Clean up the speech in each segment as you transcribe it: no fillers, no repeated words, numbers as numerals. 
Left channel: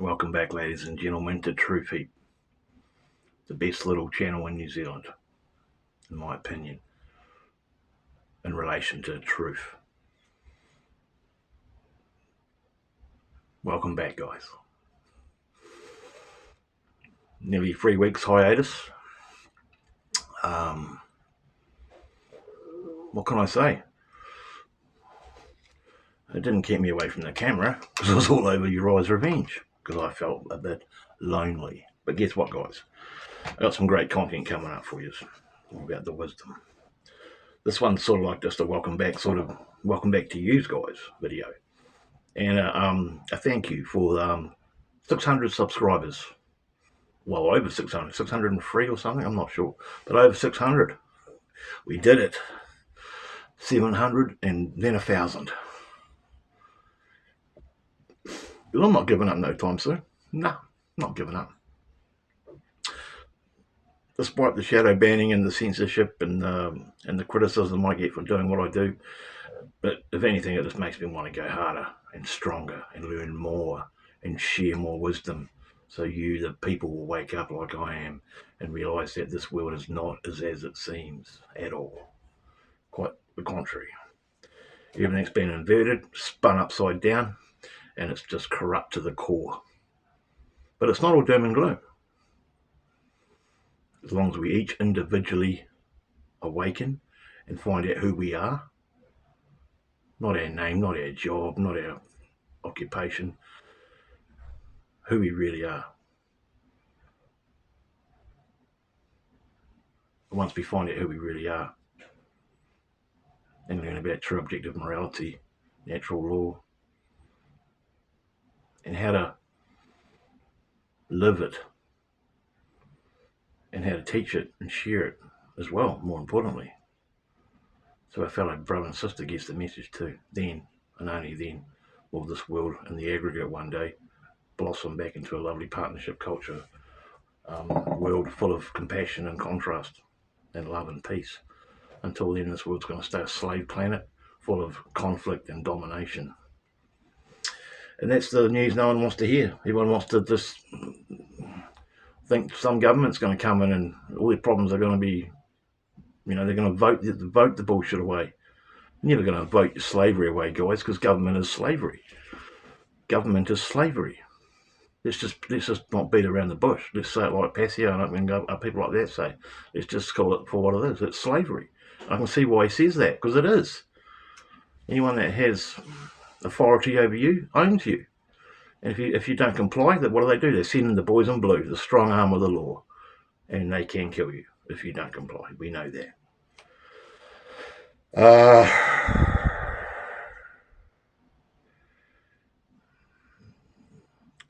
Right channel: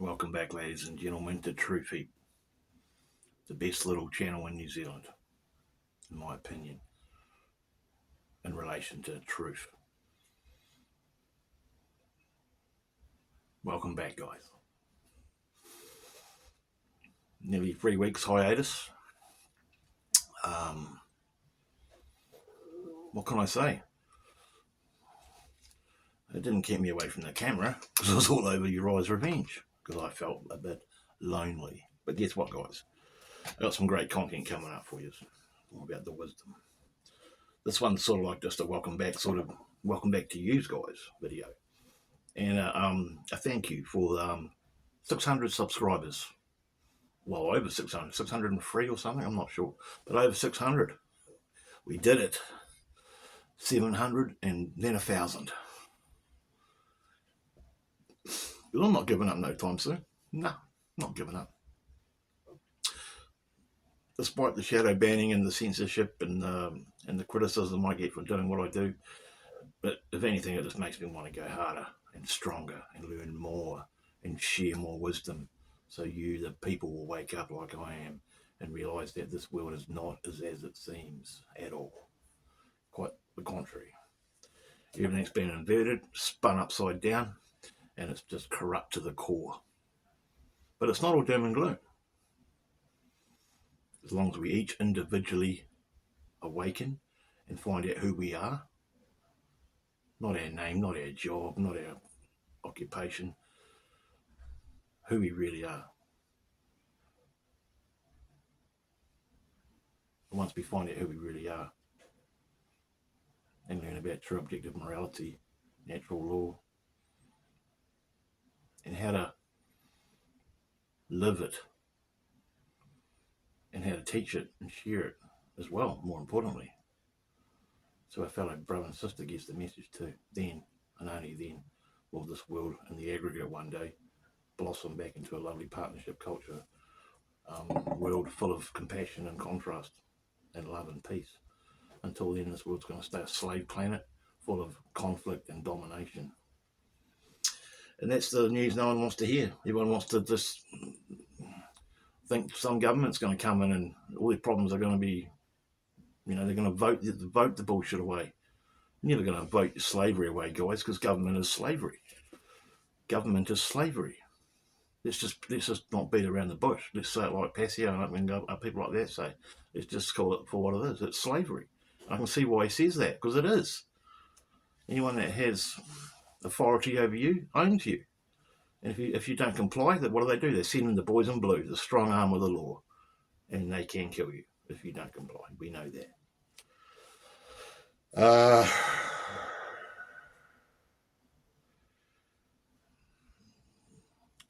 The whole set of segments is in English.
Welcome back, ladies and gentlemen, to Heep, the best little channel in New Zealand, in my opinion, in relation to truth. Welcome back, guys. Nearly 3 weeks hiatus. What can I say? It didn't keep me away from the camera because I was all over Uriah's Revenge because I felt a bit lonely. But guess what, guys? I got some great content coming up for you about the wisdom. This one's sort of like just a welcome back to you guys video. And a thank you for 600 subscribers. Well, over 600, 603 or something, I'm not sure. But over 600. We did it. 700 and then 1,000. I'm not giving up no time soon. No, not giving up. Despite the shadow banning and the censorship and the criticism I get for doing what I do, but if anything, it just makes me want to go harder and stronger and learn more and share more wisdom. So you, the people, will wake up like I am and realise that this world is not as it seems at all. Quite the contrary. Everything's been inverted, spun upside down, and it's just corrupt to the core. But it's not all doom and gloom. As long as we each individually awaken and find out who we are, not our name, not our job, not our occupation, who we really are. Once we find out who we really are and learn about true objective morality, natural law, and how to live it and how to teach it and share it as well, more importantly. So our fellow brother and sister gets the message too. Then, and only then, will this world in the aggregate one day blossom back into a lovely partnership culture, world full of compassion and contrast and love and peace. Until then, this world's going to stay a slave planet full of conflict and domination. And that's the news no one wants to hear. Everyone wants to just think some government's going to come in and all their problems are going to be, they're going to vote the bullshit away. You're never going to vote your slavery away, guys, because government is slavery. Government is slavery. Let's just not beat around the bush. Let's say it like Passio and people like that say. Let's just call it for what it is. It's slavery. I can see why he says that, because it is. Anyone that has authority over you owns you. And if you don't comply, what do? They send in the boys in blue, the strong arm of the law, and they can kill you if you don't comply. We know that.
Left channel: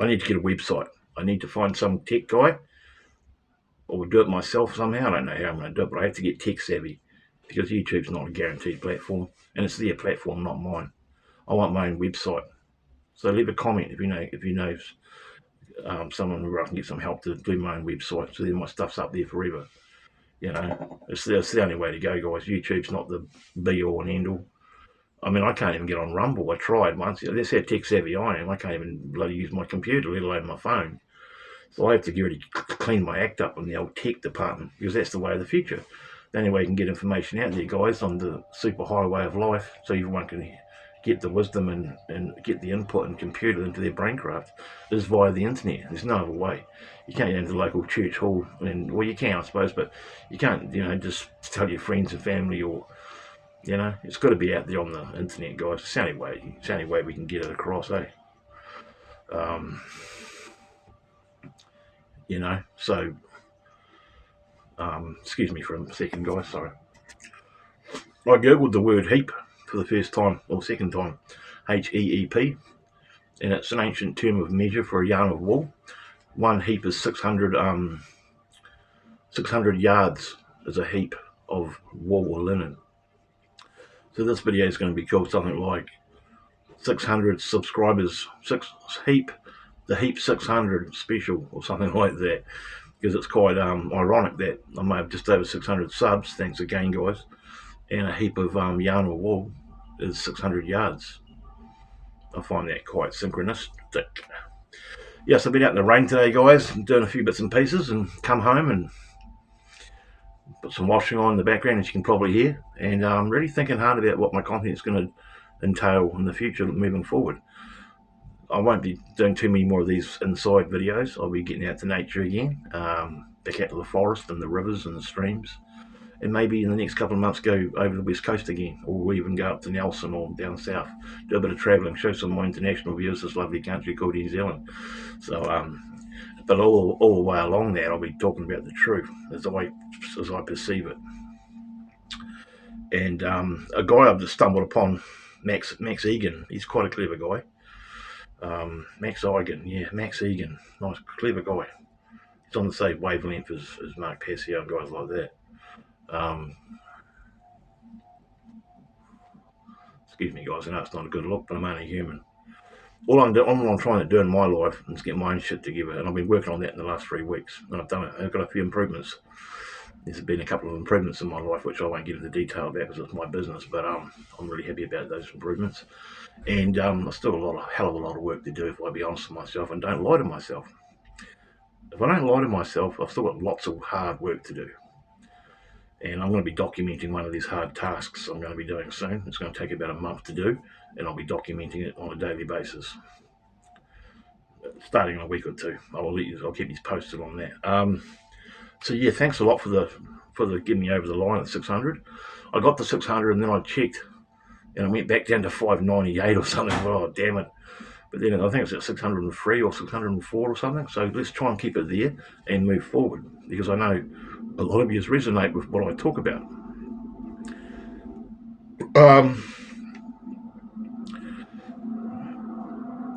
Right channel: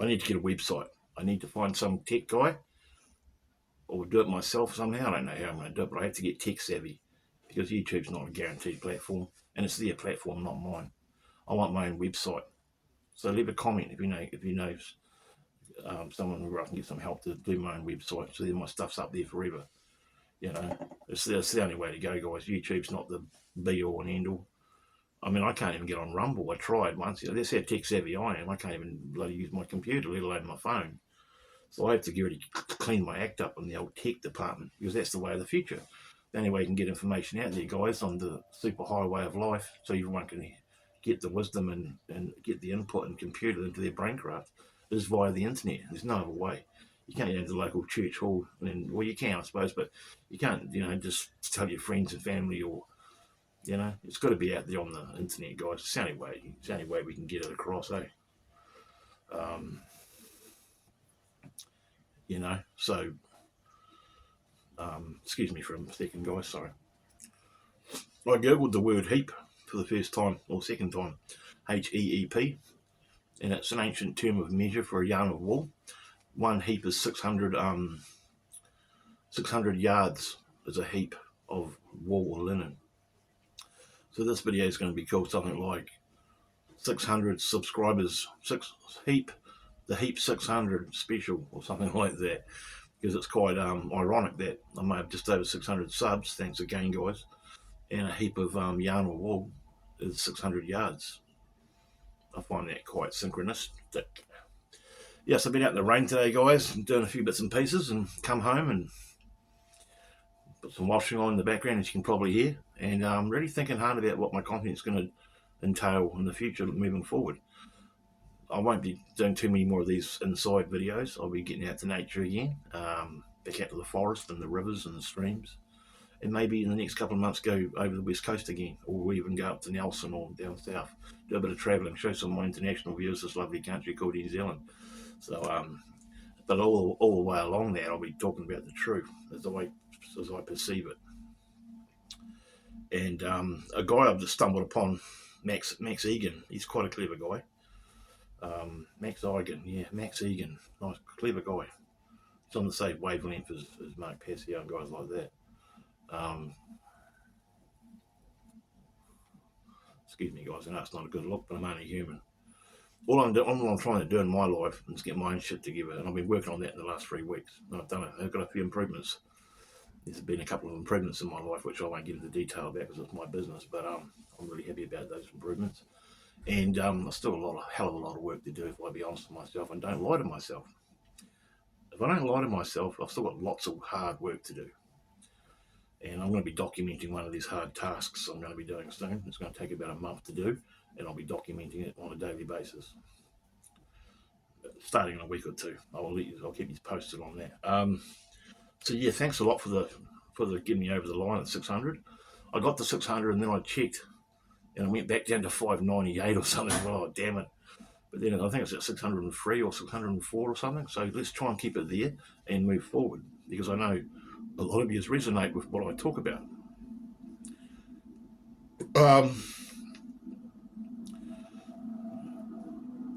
I need to get a website. I need to find some tech guy, or do it myself somehow. I don't know how I'm going to do it, but I have to get tech savvy because YouTube's not a guaranteed platform, and it's their platform, not mine. I want my own website. So leave a comment if you know someone where I can get some help to do my own website, so then my stuff's up there forever. It's the only way to go, guys. YouTube's not the be all and end all. I mean, I can't even get on Rumble. I tried once. That's how tech savvy I am. I can't even bloody use my computer, let alone my phone. So I have to clean my act up in the old tech department, because that's the way of the future. The only way you can get information out there, guys, on the super highway of life, so everyone can get the wisdom and get the input and computer into their braincraft, is via the internet. There's no other way. You can't go into the local church hall, well, you can, I suppose, but you can't, just tell your friends and family, or, it's got to be out there on the internet, guys. It's the only way we can get it across, eh? So, excuse me for a second, guys, sorry. I googled the word heap for the first time, or second time, Heep, and it's an ancient term of measure for a yarn of wool. One heap is 600 yards is a heap of wool or linen. So this video is going to be called something like 600 subscribers, the Heep 600 special, or something like that, because it's quite ironic that I may have just over 600 subs, thanks again, guys, and a heap of yarn or wool is 600 yards. I find that quite synchronistic. Yes, I've been out in the rain today, guys, doing a few bits and pieces, and come home and put some washing on in the background, as you can probably hear. And I'm really thinking hard about what my content is going to entail in the future moving forward. I won't be doing too many more of these inside videos. I'll be getting out to nature again, back out to the forest and the rivers and the streams. And maybe in the next couple of months go over the west coast again, or even go up to Nelson or down south, do a bit of travelling, show some of my international viewers this lovely country called New Zealand. So, but all the way along that, I'll be talking about the truth as I perceive it. And a guy I've just stumbled upon, Max Egan. He's quite a clever guy. Max Egan, nice, clever guy. He's on the same wavelength as Mark Passio and guys like that. Excuse me, guys, I know it's not a good look, but I'm only human. All I'm trying to do in my life is get my own shit together, and I've been working on that in the last 3 weeks, and I've done it. I've got a few improvements. There's been a couple of improvements in my life, which I won't get into detail about because it's my business, but I'm really happy about those improvements. And I've still got a hell of a lot of work to do, if I be honest with myself, and don't lie to myself. If I don't lie to myself, I've still got lots of hard work to do. And I'm going to be documenting one of these hard tasks I'm going to be doing soon. It's going to take about a month to do, and I'll be documenting it on a daily basis, starting in a week or two. I'll keep you posted on that. So yeah, thanks a lot for the getting me over the line at 600. I got to 600, and then I checked, and I went back down to 598 or something. Oh, damn it. But then I think it's at 603 or 604 or something. So let's try and keep it there and move forward, because I know a lot of you resonate with what I talk about.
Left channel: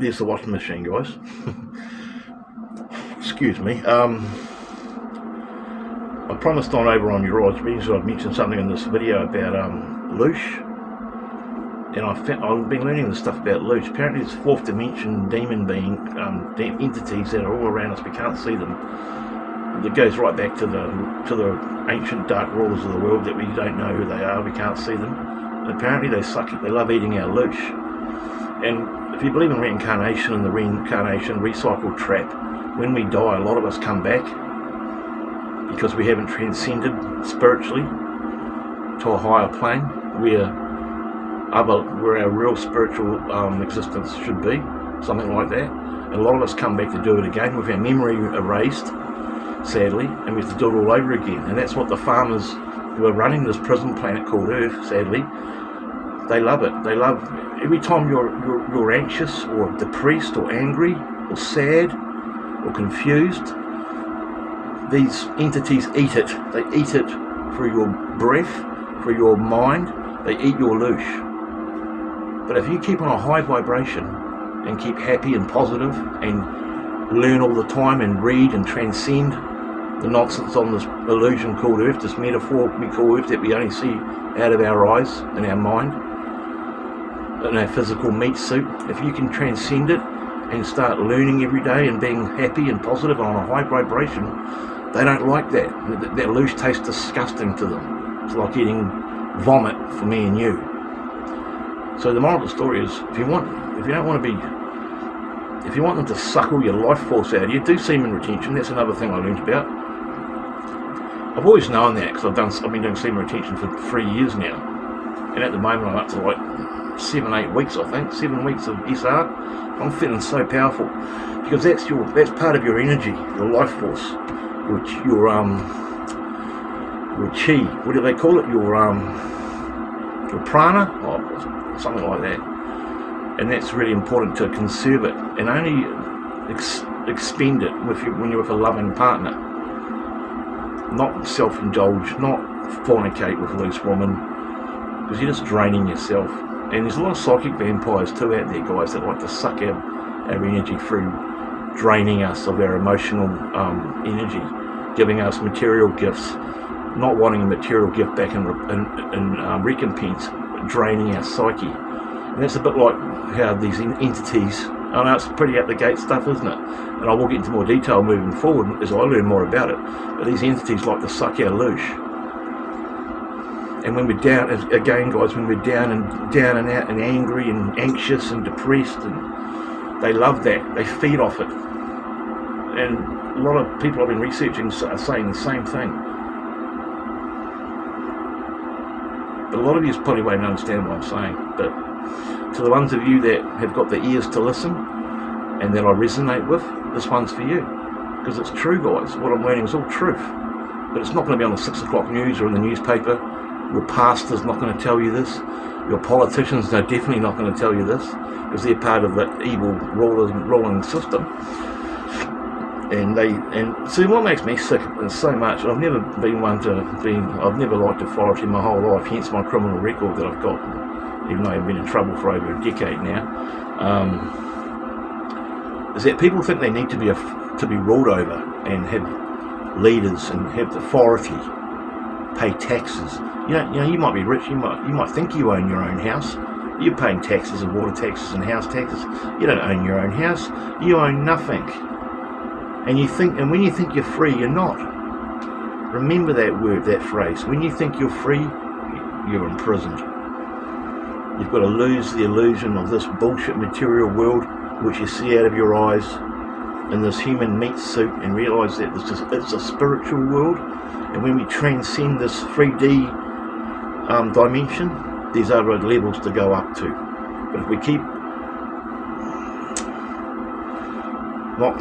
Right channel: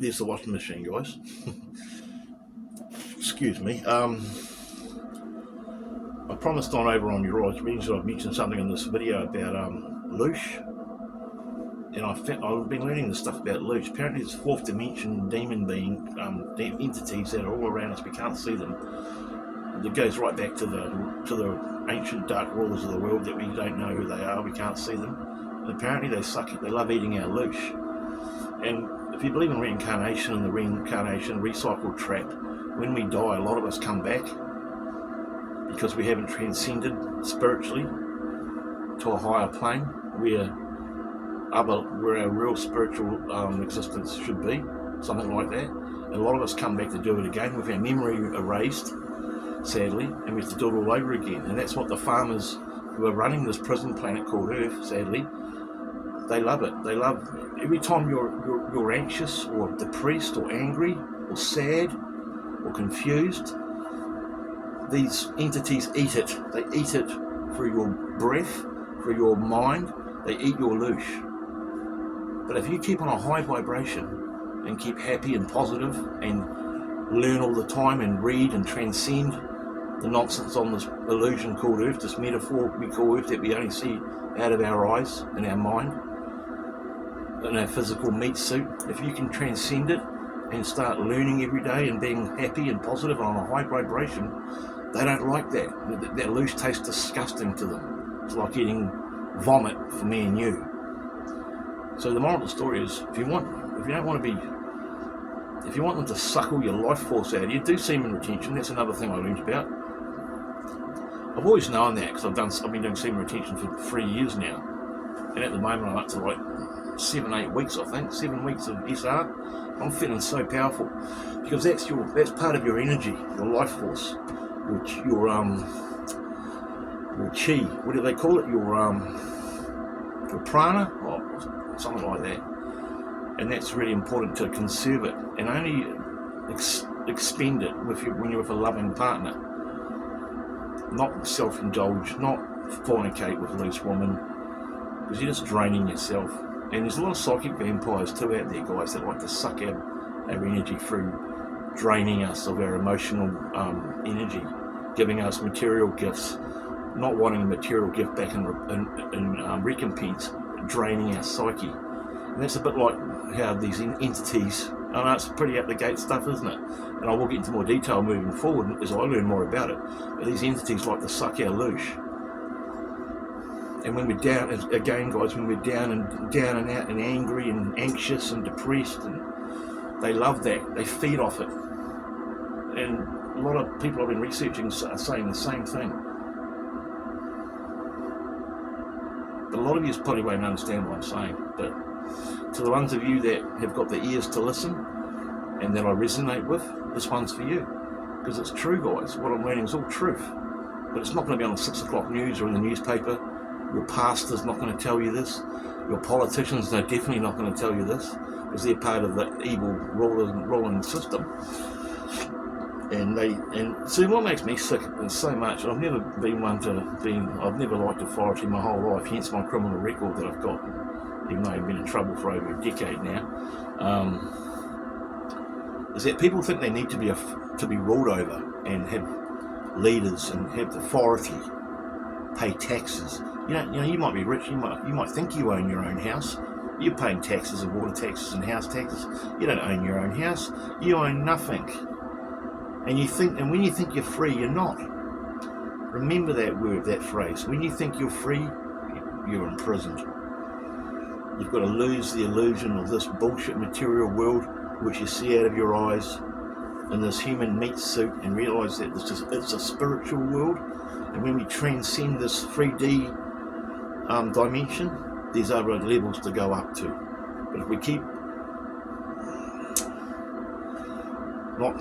There's the washing machine, guys. Excuse me. I promised over on your odds means I've mentioned something in this video about loosh. And I've been learning this stuff about loosh. Apparently it's fourth dimension demon being entities that are all around us. We can't see them. It goes right back to the ancient dark rulers of the world that we don't know who they are. We can't see them. And apparently they suck it. They love eating our loosh. And if you believe in reincarnation and the reincarnation recycle trap, when we die, a lot of us come back because we haven't transcended spiritually to a higher plane where our real spiritual existence should be, something like that. And a lot of us come back to do it again with our memory erased, sadly, and we have to do it all over again. And that's what the farmers who are running this prison planet called Earth, sadly, they love it. They love every time you're anxious or depressed or angry or sad or confused, these entities eat it. They eat it through your breath, through your mind. They eat your loosh. But if you keep on a high vibration and keep happy and positive and learn all the time and read and transcend the nonsense on this illusion called Earth, this metaphor we call Earth that we only see out of our eyes and our mind, in our physical meat suit, if you can transcend it and start learning every day and being happy and positive and on a high vibration, they don't like that. That loosh tastes disgusting to them. It's like eating vomit for me and you. So the moral of the story is, if you don't want them to suck all your life force out of you, do semen retention. That's another thing I learned about. I've always known that because I've been doing semen retention for 3 years now, and at the moment I'm up to like 7-8 weeks, I think, 7 weeks of SR. I'm feeling so powerful because that's part of your energy, your life force, which your chi. What do they call it? Your prana, or something like that. And that's really important to conserve it and only expend it when you're with a loving partner. Not self-indulge, not fornicate with a loose woman, because you're just draining yourself. And there's a lot of psychic vampires too out there, guys, that like to suck our energy through draining us of our emotional energy, giving us material gifts, not wanting a material gift back in recompense, but draining our psyche. And that's a bit like how these entities, I know it's pretty out the gate stuff, isn't it? And I will get into more detail moving forward as I learn more about it. But these entities like to suck our loosh. And when we're down, again guys, when we're down and out and angry and anxious and depressed, and they love that. They feed off it. And a lot of people I've been researching are saying the same thing. But a lot of you probably won't understand what I'm saying. But to the ones of you that have got the ears to listen and that I resonate with, this one's for you. Because it's true, guys. What I'm learning is all truth. But it's not going to be on the 6 o'clock news or in the newspaper. Your pastor's not going to tell you this. Your politicians are definitely not going to tell you this, because they're part of the evil ruling system. And see, what makes me sick is so much. I've never been I've never liked authority my whole life, hence my criminal record that I've got, even though I've been in trouble for over a decade now. Is that people think they need to be ruled over and have leaders and have authority, pay taxes. You know, you might be rich. You might think you own your own house. You're paying taxes and water taxes and house taxes. You don't own your own house. You own nothing. And when you think you're free, you're not. Remember that word, that phrase. When you think you're free, you're imprisoned. You've got to lose the illusion of this bullshit material world, which you see out of your eyes in this human meat suit, and realise that it's a spiritual world. And when we transcend this 3D dimension, there's other levels to go up to. But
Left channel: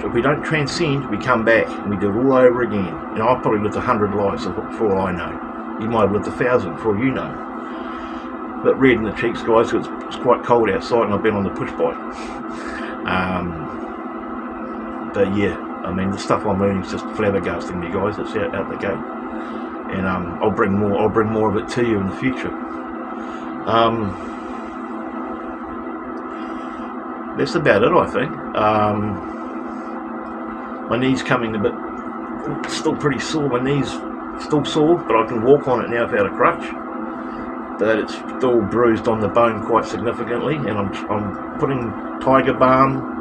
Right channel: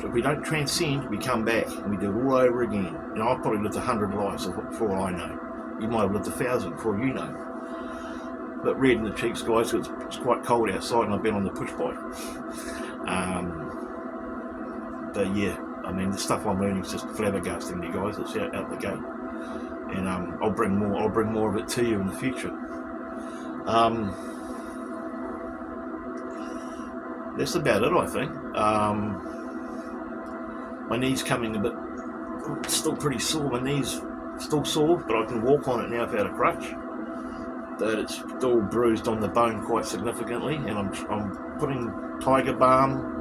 if we don't transcend, we come back and we do it all over again. You know, I've probably lived 100 lives for all I know. You might have lived 1,000 for all you know. But red in the cheeks, guys, it's quite cold outside and I've been on the push bike. But yeah, I mean, the stuff I'm learning is just flabbergasting me, guys. It's out the gate. And I'll bring more of it to you in the future. That's about it, I think. My knee's coming a bit, still pretty sore. My knee's still sore, but I can walk on it now without a crutch. But it's still bruised on the bone quite significantly, and I'm putting tiger balm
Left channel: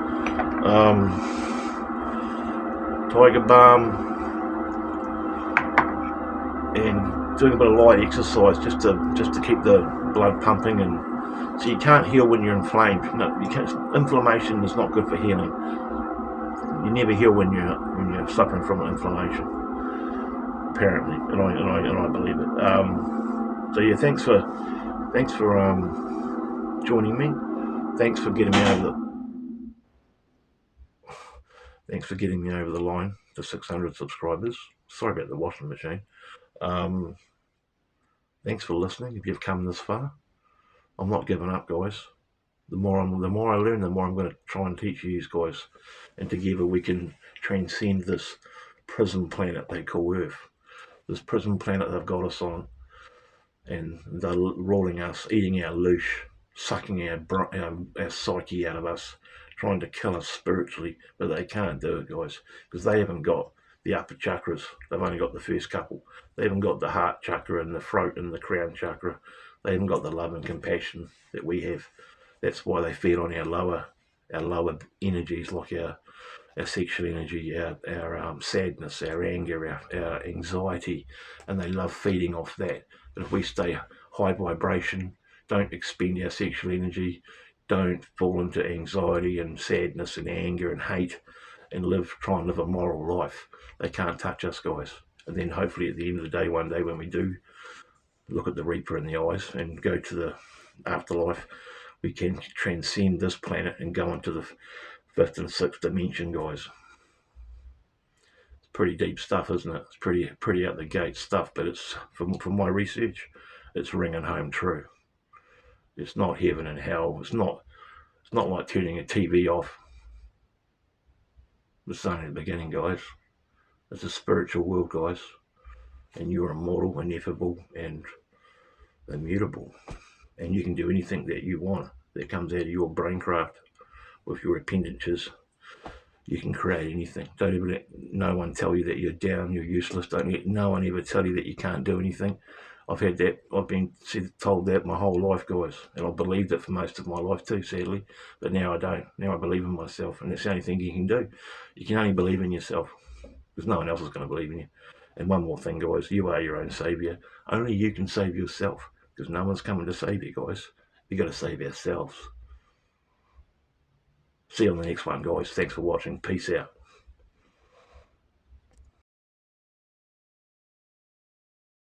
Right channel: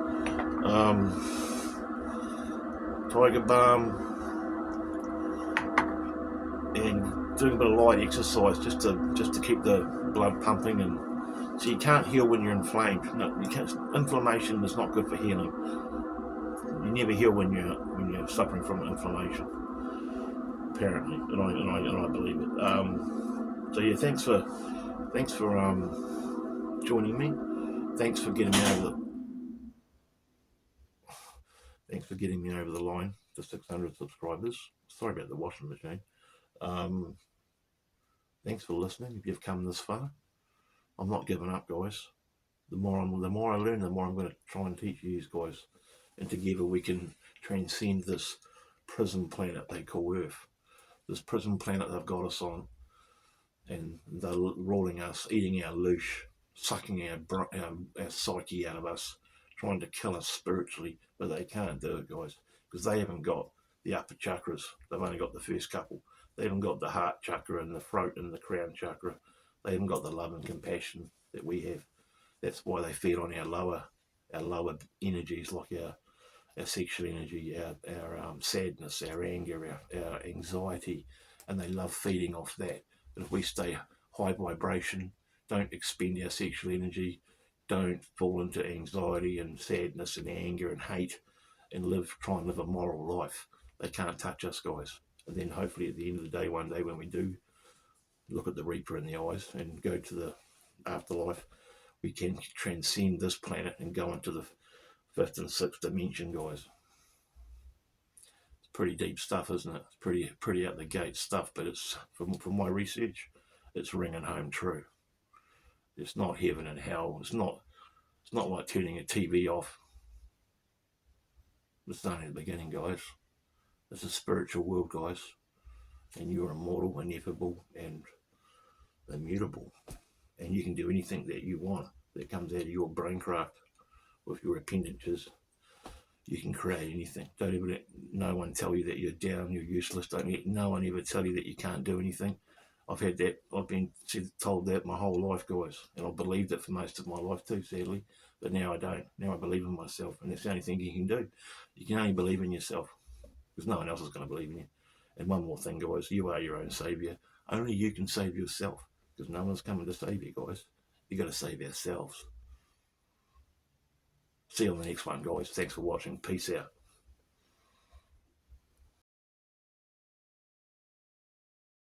and doing a bit of light exercise just to keep the blood pumping. And so you can't heal when you're inflamed. No, you can't. Inflammation is not good for healing. You never heal when you're suffering from an inflammation, apparently, and I believe it. So yeah, thanks for joining me. Thanks for getting me over the line to 600 subscribers. Sorry about the washing machine. Thanks for listening. If you've come this far, I'm not giving up, guys. The more I learn, the more I'm going to try and teach you guys, and together we can transcend this prison planet they call Earth. This prison planet they've got us on, and they're rolling us, eating our loosh, sucking our psyche out of us, trying to kill us spiritually, but they can't do it, guys, because they haven't got the upper chakras. They've only got the first couple. They haven't got the heart chakra and the throat and the crown chakra. They haven't got the love and compassion that we have. That's why they feed on our lower energies, like our sexual energy, our sadness, our anger, our anxiety, and they love feeding off that. But if we stay high vibration, don't expend our sexual energy, don't fall into anxiety and sadness and anger and hate, and try and live a moral life, they can't touch us, guys. And then hopefully at the end of the day, one day when we do look at the Reaper in the eyes and go to the afterlife, we can transcend this planet and go into the 5th and 6th dimension, guys. It's pretty deep stuff, isn't it? It's pretty out the gate stuff, but it's from my research, it's ringing home true. It's not heaven and hell. It's not like turning a TV off. It's only the beginning, guys. It's a spiritual world, guys, and you're immortal, ineffable, and immutable, and you can do anything that you want that comes out of your braincraft with your appendages. You can create anything. Don't even let no one tell you that you're down, you're useless. Don't let no one ever tell you that you can't do anything. I've had that. I've been told that my whole life, guys, and I've believed it for most of my life too, sadly. But now I don't. Now I believe in myself, and that's the only thing you can do. You can only believe in yourself, because no one else is going to believe in you. And one more thing, guys, you are your own saviour. Only you can save yourself, because no one's coming to save you, guys. You got to save ourselves. See you on the next one, guys. Thanks for watching. Peace out.